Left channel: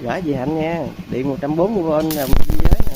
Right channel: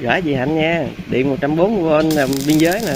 Gửi chị Hạnh nha, điện 140V là biên giới nè.